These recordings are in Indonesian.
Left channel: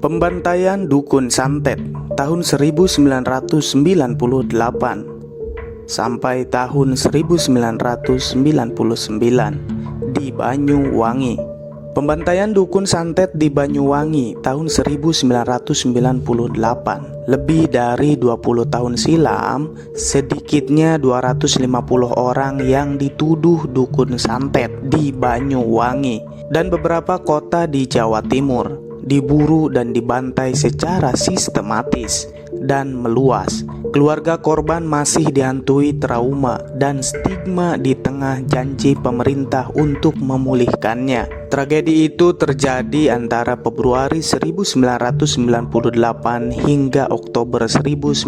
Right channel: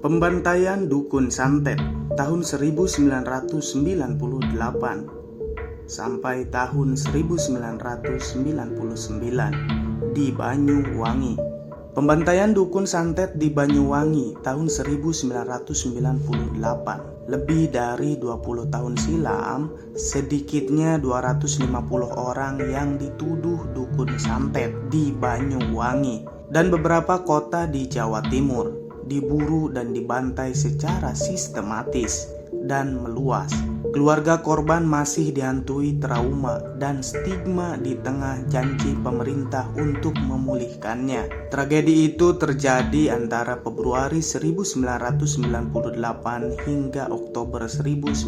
Pembantaian Dukun Santet tahun 1998 sampai tahun 1999 di Banyuwangi. Pembantaian Dukun Santet di Banyuwangi tahun 1998. Lebih dari 20 tahun silam, sedikitnya 250 orang yang dituduh dukun santet di Banyuwangi dan beberapa kota di Jawa Timur diburu dan dibantai secara sistematis dan meluas. Keluarga korban masih dihantui trauma dan stigma di tengah janji pemerintah untuk memulihkannya. Tragedi itu terjadi antara Februari 1998 hingga Oktober 1999,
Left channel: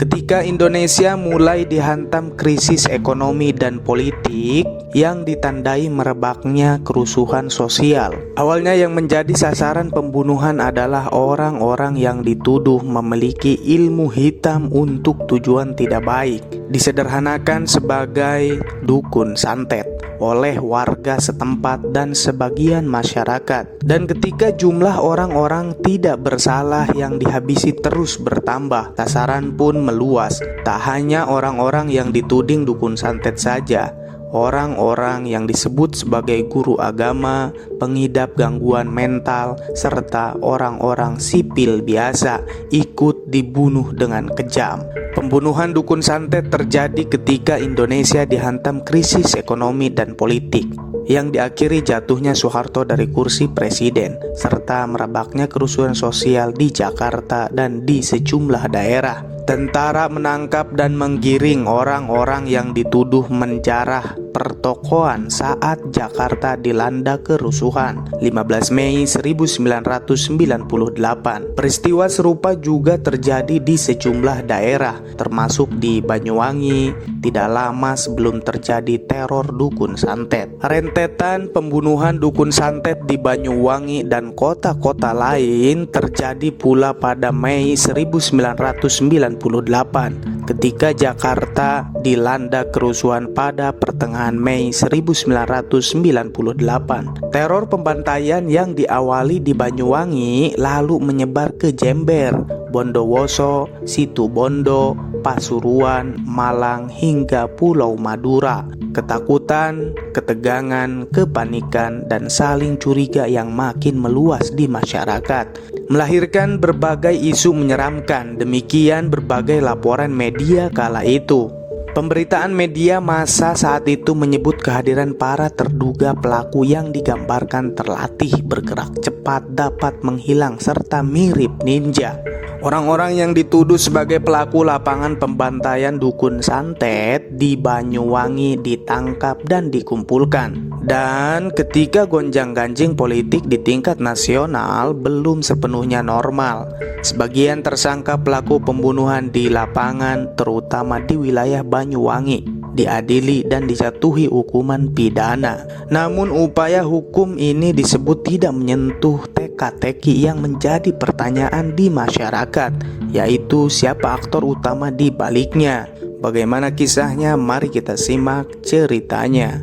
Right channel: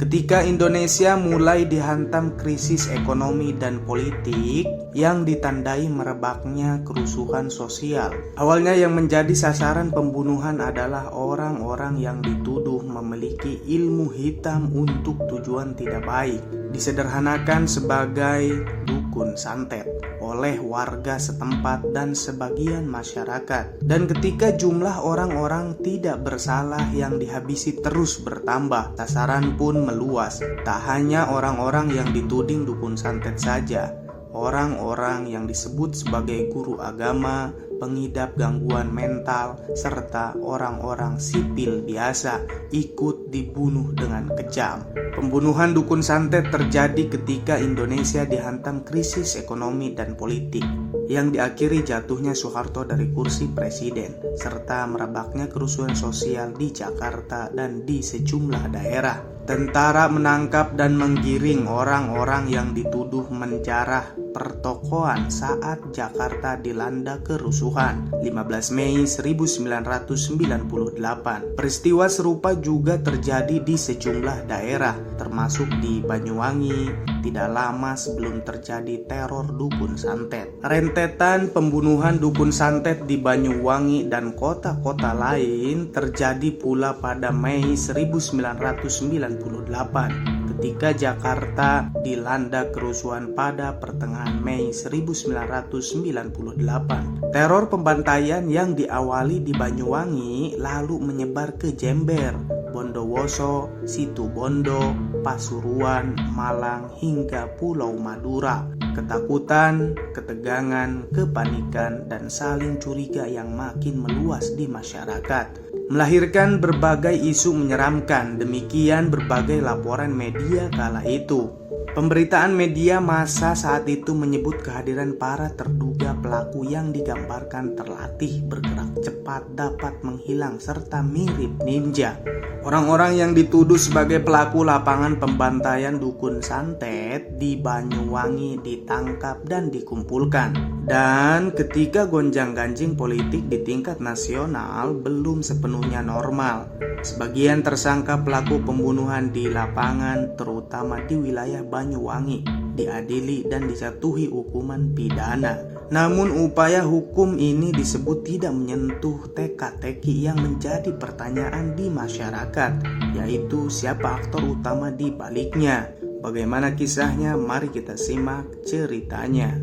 ketika Indonesia mulai dihantam krisis ekonomi dan politik yang ditandai merebaknya kerusuhan sosial. Awalnya yang menjadi sasaran pembunuhan adalah orang-orang yang dituduh memiliki ilmu hitam untuk tujuan tidak baik, disederhanakan sebagai dukun santet oleh warga setempat dan sebagian masyarakat. Dan ketika jumlah orang-orang tidak bersalah yang dihabisi terus bertambah, sasaran pun meluas. Tak hanya orang-orang yang dituding dukun santet saja, orang-orang yang disebut sebagai guru agama, pengidap gangguan mental, serta orang-orang sipil biasa ikut dibunuh dengan kejam. Pembunuhan dukun santet terjadi ketika Indonesia dihantam krisis ekonomi dan politik yang diakhiri jatuhnya Soeharto dari kursi presiden, serta merebaknya kerusuhan sosial di Jakarta dan di sejumlah daerah. Tentara menangkap dan menggiring orang-orang yang dituduh menjarah pertokoan saat Jakarta dilanda kerusuhan 15 Mei 1998. Peristiwa serupa juga terjadi di sejumlah daerah, termasuk di Banyuwangi, tidak lama sebelum terjadi teror dukun santet. Rentetan pembunuhan dukun santet di Banyuwangi dan kota-kota lain terjadi pula pada Mei 1998 ketika Jakarta dilanda kerusuhan pada pertengahan Mei 1998. Teror pembantaian yang diawali di Banyuwangi lalu menyebar ke Jember, Bondowoso, Situbondo, Pasuruan, Malang hingga Pulau Madura. Ketakutan, ketegangan, kepanikan, dan saling curiga yang makin meluas di masyarakat melahirkan berbagai isu menyeramkan. Demikian berbagai laporan media kala itu. Pemberitaan media massa saat itu menyebut kehadiran para terduga pelaku yang digambarkan terlatih, bergerak cepat, dapat menghilang, serta mirip ninja. Orang-orang yang dituduh sebagai pelaku lapangan pembantaian dukun santet di Banyuwangi ditangkap dan dikumpulkan. Dan ketika gonjang-ganjing politik di tingkat nasional belum sepenuhnya normal, sebagian tersangka pelaku pembunuhan di lapangan, terutama di wilayah Banyuwangi, diadili dan dijatuhi hukuman pidana. Namun upaya hukum ini disebut tidak menyentuh teka-teki yang menjadi pertanyaan di masyarakat, yaitu siapa aktor utama di baliknya. Bagaimana kisahnya? Mari kita simak ceritanya.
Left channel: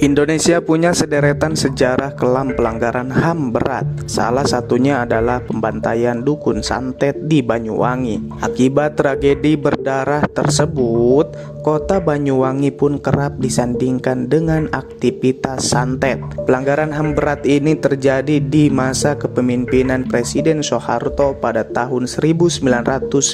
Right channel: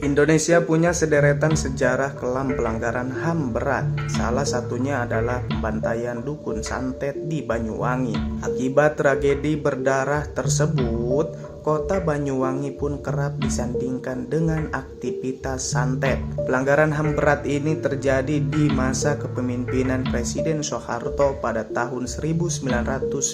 Indonesia punya sederetan sejarah kelam pelanggaran HAM berat. Salah satunya adalah pembantaian dukun santet di Banyuwangi. Akibat tragedi berdarah tersebut, kota Banyuwangi pun kerap disandingkan dengan aktivitas santet. Pelanggaran HAM berat ini terjadi di masa kepemimpinan Presiden Soeharto pada tahun 1998.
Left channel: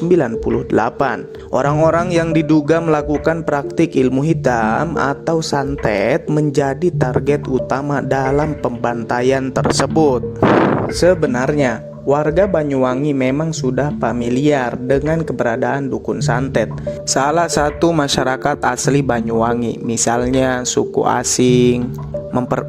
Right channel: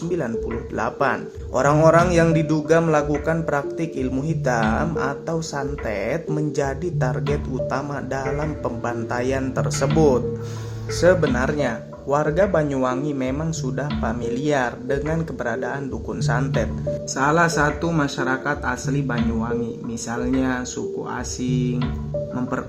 Orang-orang yang diduga melakukan praktik ilmu hitam atau santet menjadi target utama dalam pembantaian tersebut. Sebenarnya, warga Banyuwangi memang sudah familiar dengan keberadaan dukun santet. Salah satu masyarakat asli Banyuwangi, misalnya suku asing,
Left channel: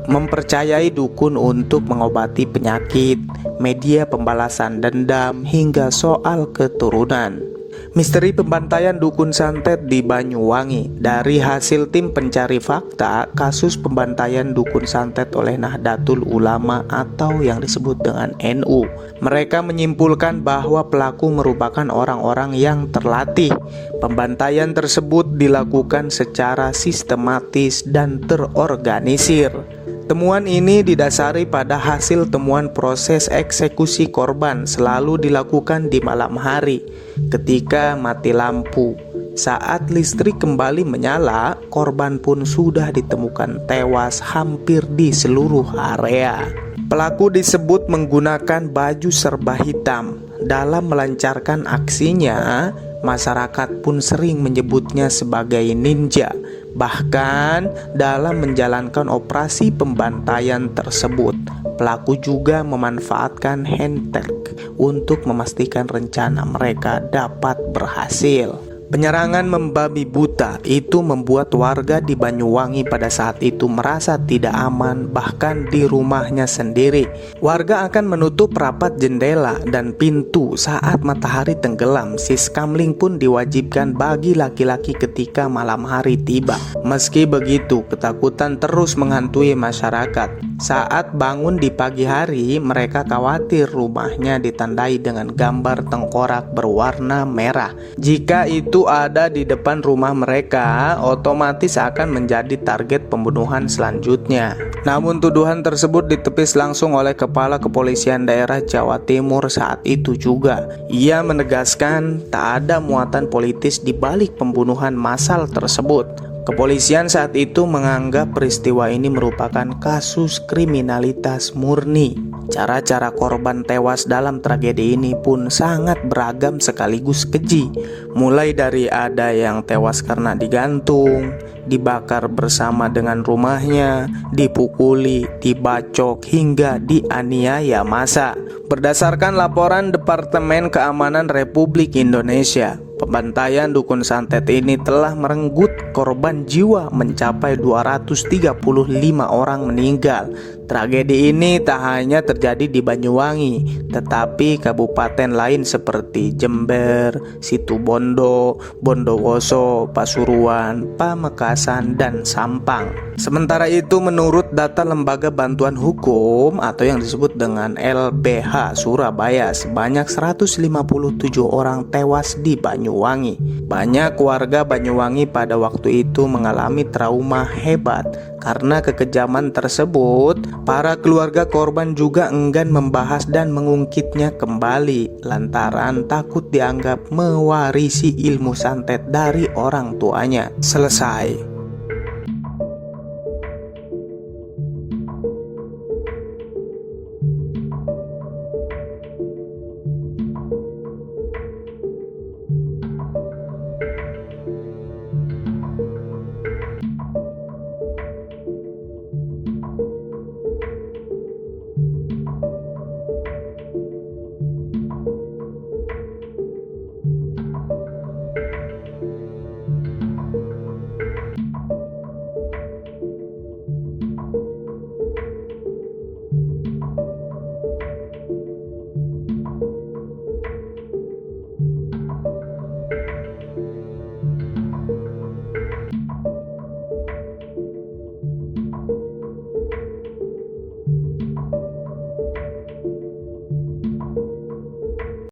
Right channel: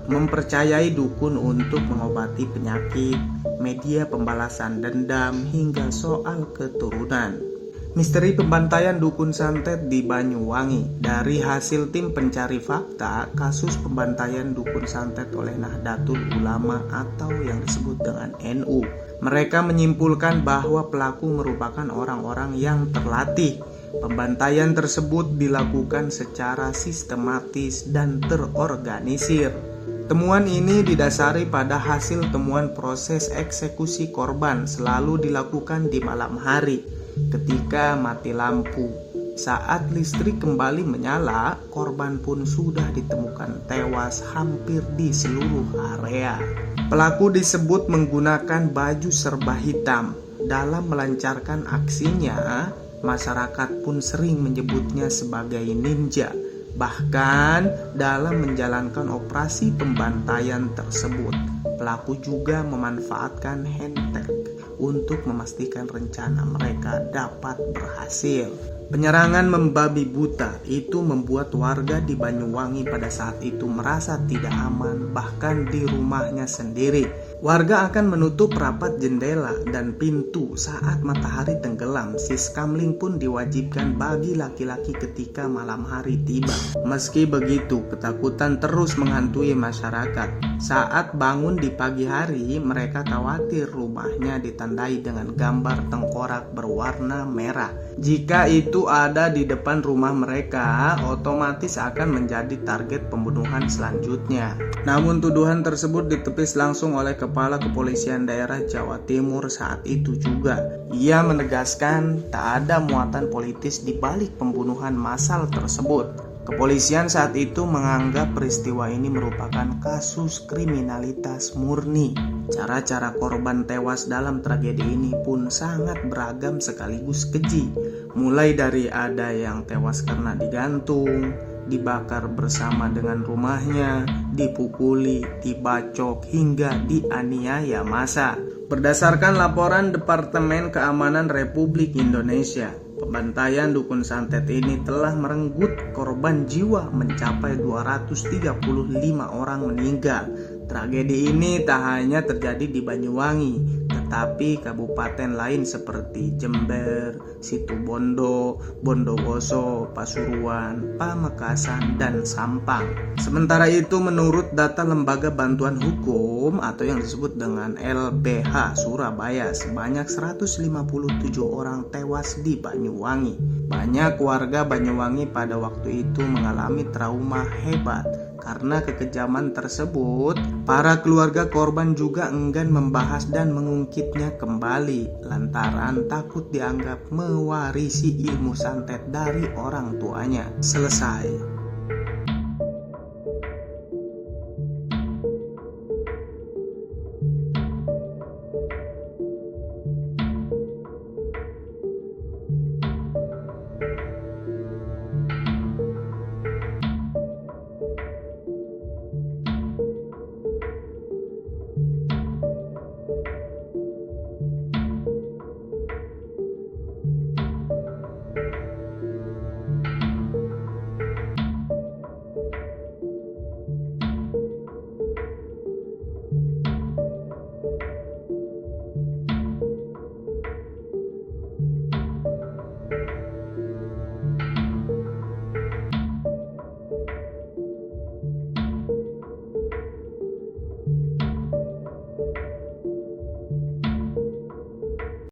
mempercayai dukun untuk mengobati penyakit, media pembalasan dendam, hingga soal keturunan. Misteri pembantaian dukun santet di Banyuwangi. Dari hasil tim pencari fakta, kasus pembantaian dukun santet oleh Nahdlatul Ulama atau yang disebut dengan NU, mereka menyimpulkan bahwa pelaku merupakan orang-orang yang terlatih. Pembantaian tersebut dilakukan secara sistematis dan terorganisir. Temuan ini didasari pada hasil temuan proses eksekusi korban selalu dilakukan di malam hari ketika mati lampu. Saat listrik kembali menyala, korban pun sudah ditemukan tewas hampir di seluruh area. Pelaku disebut menggunakan baju serba hitam. Dalam melancarkan aksinya, masyarakat pun sering menyebutnya sebagai ninja. Bahkan dalam menjalankan operasi pembantaian tersebut, pelaku juga memanfaatkan handtag untuk memastikan rencana mereka dapat berhasil. Penyerangan membabi buta itu membuat warga di Banyuwangi pada saat itu merasa tidak aman, bahkan di rumahnya sendiri. Warga akan menutup rapat jendela dan pintu saat matahari tenggelam. Siskamling pun diwajibkan bagi laki-laki ketika malam hari tiba. Meski begitu, ketakutan terus menghantui masyarakat. Saat bangun di pagi hari, mereka khawatir rumahnya ditandai dengan gambar tengkorak berwarna merah. Jika itu ada di depan rumah mereka, otomatis akan menjadi target pembunuhan selanjutnya. Namun tuduhan tersebut ditepis langsung oleh Kepala Kepolisian Daerah Jawa Timur saat itu juga. Ia menegaskan tak ada muatan politis di balik pembunuhan massal tersebut. Kepolisian saat itu menganggap peristiwa ini merupakan kasus kriminalitas murni. Cara-cara korban tewas dalam tragedi ini pun sangat beragam sekaligus keji. Mulai dari ada yang tewas karena digantung, dibakar bersama dengan rumahnya, dipukuli, dibacok, hingga dianiaya massa. Berdasarkan laporan Departemen Keamanan Republik Indonesia, pembantaian dukun santet ini telah merenggut korban jiwa mencapai 235 orang meninggal. Tragedi ini tak hanya terjadi di Banyuwangi, tetapi kabupaten lain seperti Jember, Situbondo, Bondowoso, Pasuruan, Pamekasan, dan Sampang. Sementara itu, menurut data Lembaga Bantuan Hukum atau yang disebut dengan LBH Surabaya, sebanyak 157 orang tewas di Banyuwangi. Banyak warga Banyuwangi pada waktu itu mengalami trauma hebat. Karena kekejaman tersebut, para keluarga korban juga enggan membahas dan mengungkitnya kembali lantaran takut dianggap mewarisi ilmu santet dari orang tuanya. Selesai.